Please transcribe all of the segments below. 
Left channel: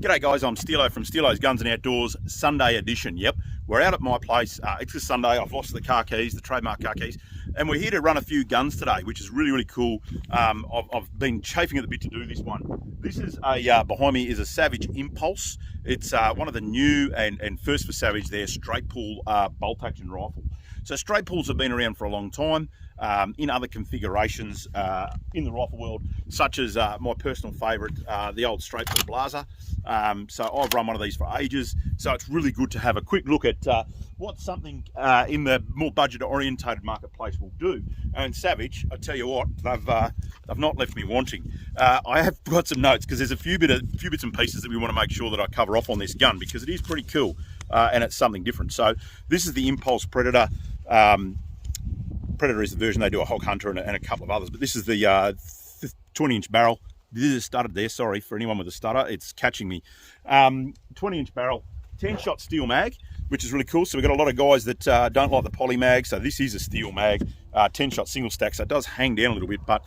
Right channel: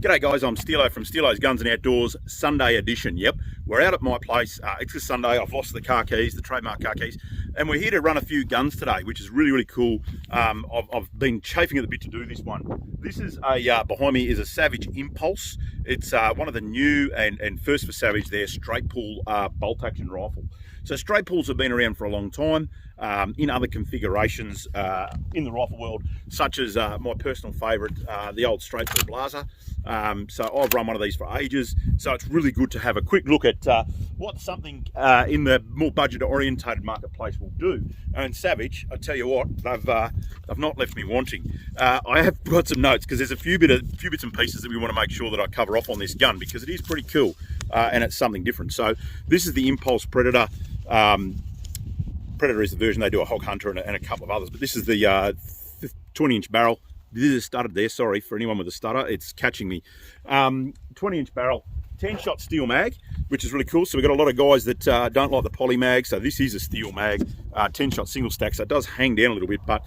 G'day guys, I'm Steelo from Steelo's Guns and Outdoors, Sunday edition. Yep, we're out at my place. It's a Sunday. I've lost the car keys, the trademark car keys, and we're here to run a few guns today, which is really cool. I've been chafing at the bit to do this one. This is behind me is a Savage Impulse. It's one of the new and first for Savage, their straight pull bolt action rifle. So straight pulls have been around for a long time in other configurations in the rifle world, such as my personal favourite, the old straight pull blazer. So I've run one of these for ages. So it's really good to have a quick look at what something in the more budget orientated marketplace will do. And Savage, I tell you what, they've not left me wanting. I have got some notes because there's a few bits and pieces that we want to make sure that I cover off on this gun because it is pretty cool and it's something different. So this is the Impulse Predator. Predator is the version. They do a Hog Hunter and a couple of others, but this is the 20-inch barrel. This is stuttered there, sorry for anyone with a stutter, it's catching me. 20-inch barrel, 10-shot steel mag, which is really cool. So we've got a lot of guys that don't like the poly mag, so this is a steel mag, 10-shot single stack, so it does hang down a little bit. But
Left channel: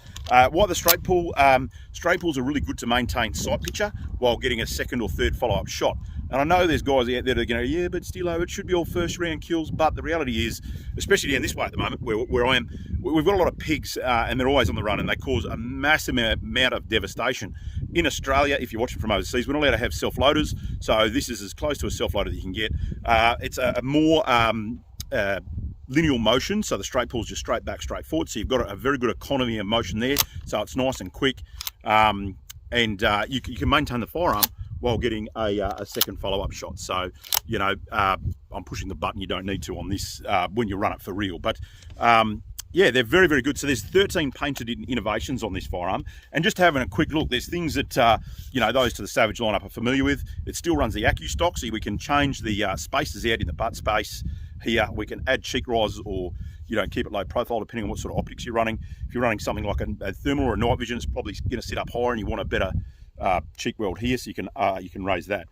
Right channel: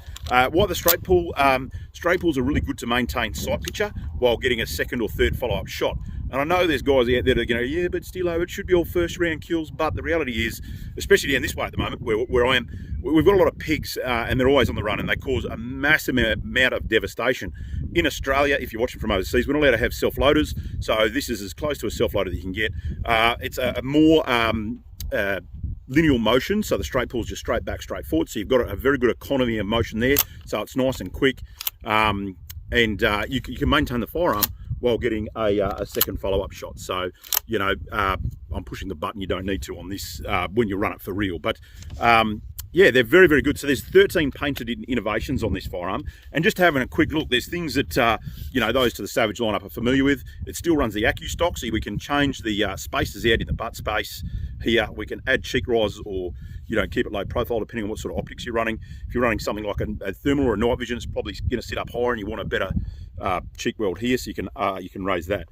why the straight pulls are really good to maintain sight picture while getting a second or third follow-up shot. And I know there's guys out there that are going, yeah, but Steelo, it should be all first round kills. But the reality is, especially down this way at the moment, where I am, we've got a lot of pigs and they're always on the run and they cause a massive amount of devastation. In Australia, if you're watching from overseas, we're not allowed to have self-loaders. So this is as close to a self-loader that you can get. It's a more lineal motion. So the straight pull is just straight back, straight forward. So you've got a very good economy of motion there. So it's nice and quick. And you can maintain the firearm while getting a second follow-up shot. So, you know, I'm pushing the button you don't need to on this when you run it for real. But yeah, they're very good. So there's 13 painted innovations on this firearm. And just having a quick look, there's things that, you know, those to the Savage lineup are familiar with. It still runs the Accu stock, so we can change the spaces out in the butt space here. We can add cheek rises or, you know, keep it low profile depending on what sort of optics you're running. If you're running something like a thermal or a night vision, it's probably going to sit up higher and you want a better cheek weld here, so you can raise that.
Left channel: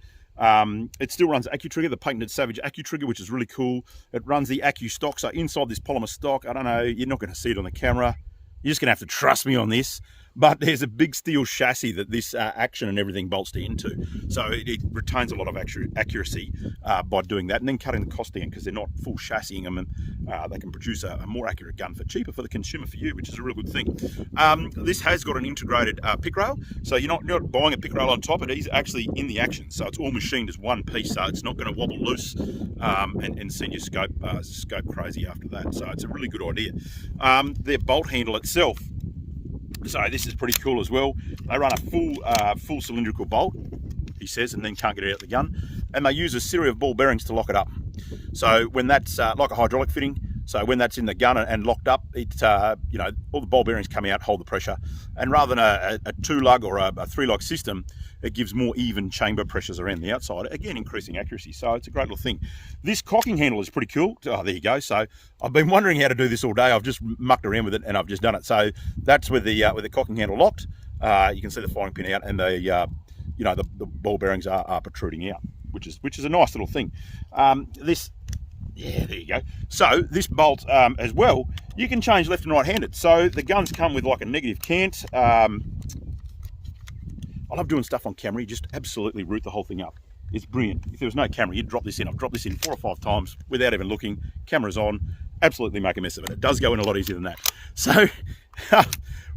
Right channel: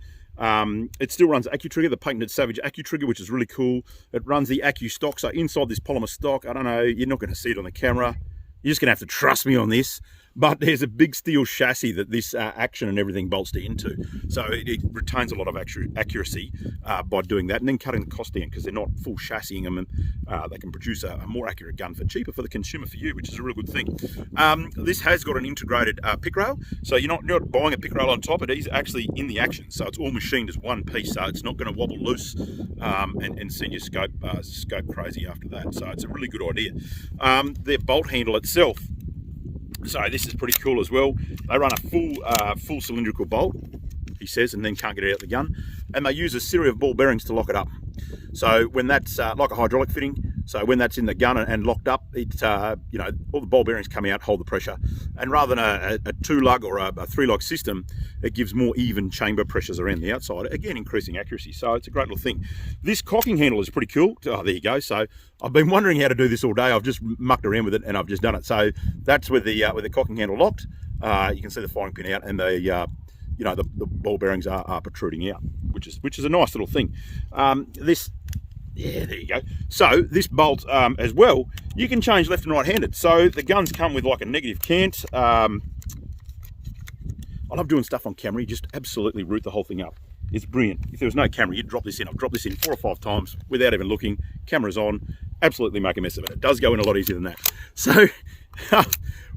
It still runs Accu trigger, the patented Savage Accu trigger, which is really cool. It runs the Accu stock, so inside this polymer stock, I don't know, you're not going to see it on the camera. You're just going to have to trust me on this. But there's a big steel chassis that this action and everything bolts into. So it retains a lot of accuracy by doing that and then cutting the cost down because they're not full chassising them and they can produce a more accurate gun for cheaper for the consumer, for you, which is a real good thing. This has got an integrated pick rail. So you're not buying a pick rail on top, it is actually in the action. So it's all machined as one piece, so it's not going to wobble loose and send your scope crazy after that. So it's a really good idea. Their bolt handle itself, so this is pretty cool as well. They run a full cylindrical bolt, he says, and then can't get it out the gun. And they use a series of ball bearings to lock it up. So when that's like a hydraulic fitting, so when that's in the gun and locked up, it you know, all the ball bearings come out, hold the pressure. And rather than a 2-lug or a 3-lug system, it gives more even chamber pressures around the outside, again increasing accuracy. So it's a great little thing. This cocking handle is pretty cool. Oh, there you go. So I've been wondering how to do this all day. I've just mucked around with it and I've just done it. So that's with the cocking handle locked. You can see the firing pin out and the you know, the ball bearings are protruding out, which is a nice little thing. Yeah, there you go. So this bolt as well, you can change left and right handed. So the guns come with like a negative cant. I love doing stuff on camera. You just absolutely root the whole thing up. It's brilliant. If there was no camera, you'd drop this in. I've dropped this in 4 or 5 times without even looking. Camera's on. Absolutely make a mess of it. It does go in a lot easier than that. So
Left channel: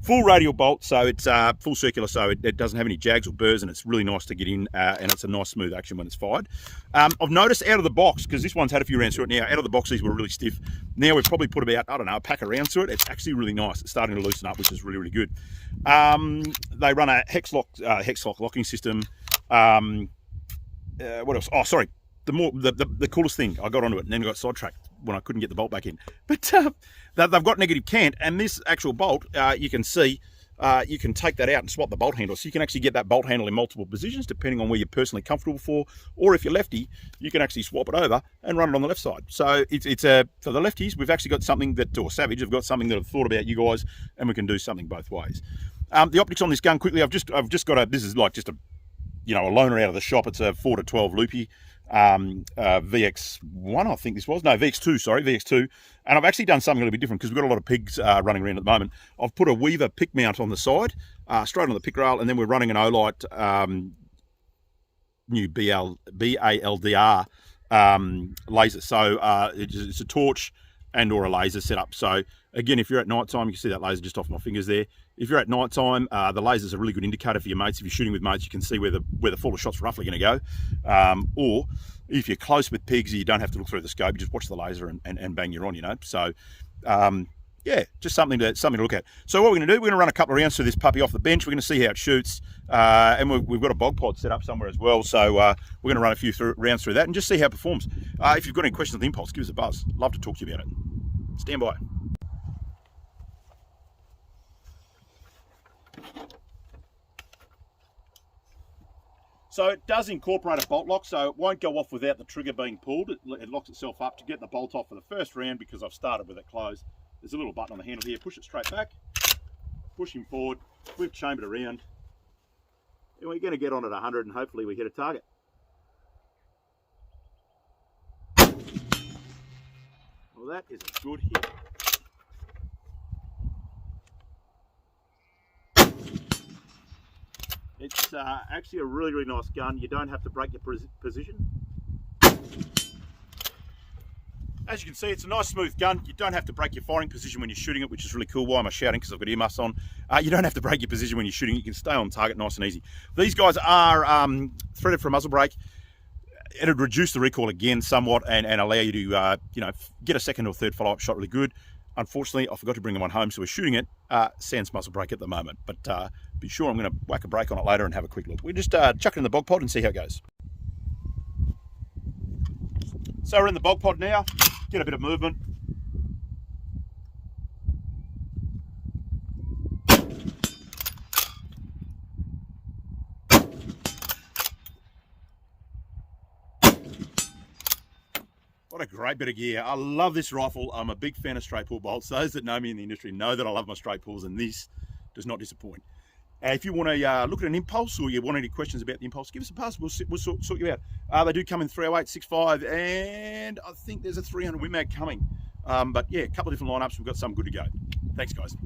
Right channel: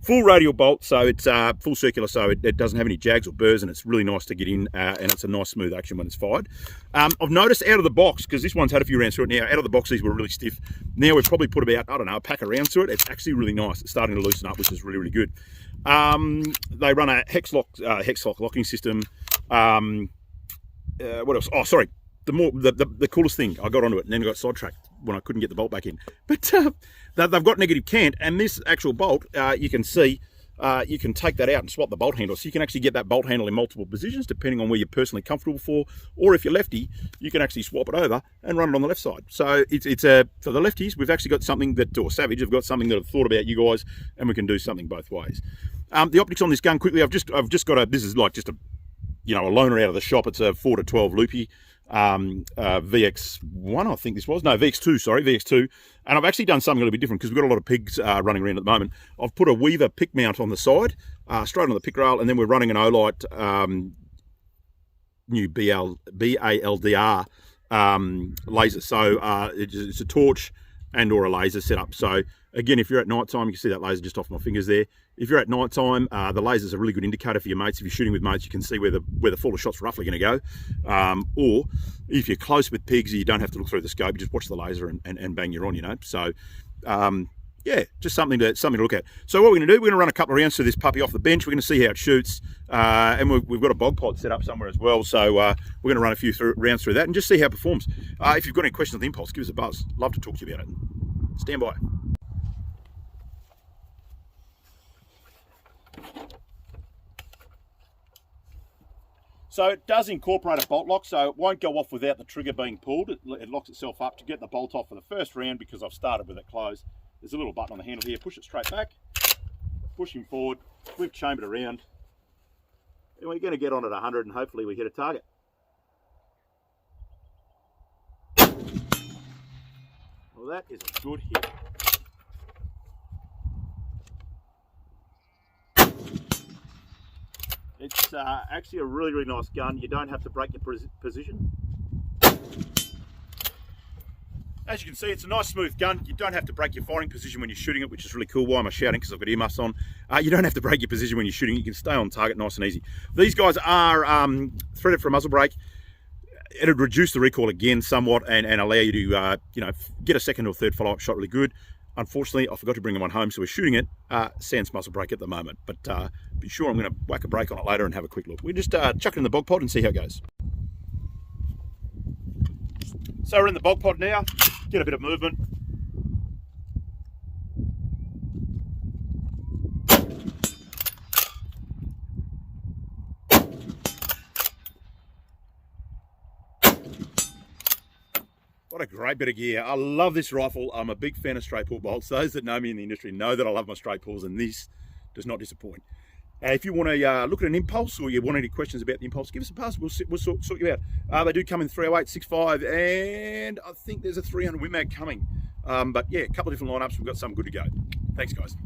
full radial bolt, so it's full circular, so it doesn't have any jags or burrs, and it's really nice to get in, and it's a nice smooth action when it's fired. I've noticed out of the box, because this one's had a few rounds through it now, out of the box these were really stiff. Now we've probably put about, I don't know, a pack of rounds through it. It's actually really nice. It's starting to loosen up, which is really good. They run a hex lock locking system. What else? Oh, sorry. The coolest thing, I got onto it and then got sidetracked when I couldn't get the bolt back in. But they've got negative cant, and this actual bolt, you can see, you can take that out and swap the bolt handle. So you can actually get that bolt handle in multiple positions, depending on where you're personally comfortable for. Or if you're lefty, you can actually swap it over and run it on the left side. So it's for the lefties, we've actually got something that, or Savage, have got something that I've thought about you guys, and we can do something both ways. The optics on this gun, quickly, I've just got this is like just a, you know, a loaner out of the shop. It's a 4 to 12 loopy. VX1, I think this was. No, VX2, sorry, VX2. And I've actually done something a little bit different because we've got a lot of pigs running around at the moment. I've put a Weaver pick mount on the side, straight on the pick rail, and then we're running an Olight new BALDR laser. So it's a torch and or a laser setup. So again, if you're at night time, you can see that laser just off my fingers there. If you're at night time, the laser's a really good indicator for your mates. If you're shooting with mates, you can see where the fall of shot's roughly going to go. Or if you're close with pigs, you don't have to look through the scope. You just watch the laser and bang, you're on, you know. So yeah, just something to look at. So what we're going to do, we're going to run a couple of rounds through this puppy off the bench. We're going to see how it shoots, and we've got a bog pod set up somewhere as well. So we're going to run a few rounds through that and just see how it performs. If you've got any questions on the Impulse, give us a buzz. Love to talk to you about it. Stand by. So it does incorporate a bolt lock, so it won't go off without the trigger being pulled. It locks itself up to get the bolt off for the first round because I've started with it closed. There's a little button on the handle here, push it straight back, push him forward, we've chambered around, and we're going to get on at 100 and hopefully we hit a target. Well, that is a good hit. It's actually a really, really nice gun. You don't have to break your position. As you can see, it's a nice smooth gun. You don't have to break your firing position when you're shooting it, which is really cool. Why am I shouting? Because I've got earmuffs on. You don't have to break your position when you're shooting. You can stay on target nice and easy. These guys are threaded for a muzzle brake. It'll reduce the recoil again somewhat and allow you to get a second or third follow-up shot really good. Unfortunately, I forgot to bring one home, so we're shooting it sans muzzle brake at the moment. But be sure I'm going to whack a brake on it later and have a quick look. We'll just chuck it in the bog pod and see how it goes. So we're in the bog pod now. Get a bit of movement. What a great bit of gear. I love this rifle. I'm a big fan of straight pull bolts. Those that know me in the industry know that I love my straight pulls, and this does not disappoint. If you want to look at an Impulse, or you want any questions about the Impulse, give us a buzz. We'll sort you out. They do come in 308, 65, and I think there's a 300 Win Mag coming. But yeah, a couple of different lineups. We've got some good to go. Thanks, guys.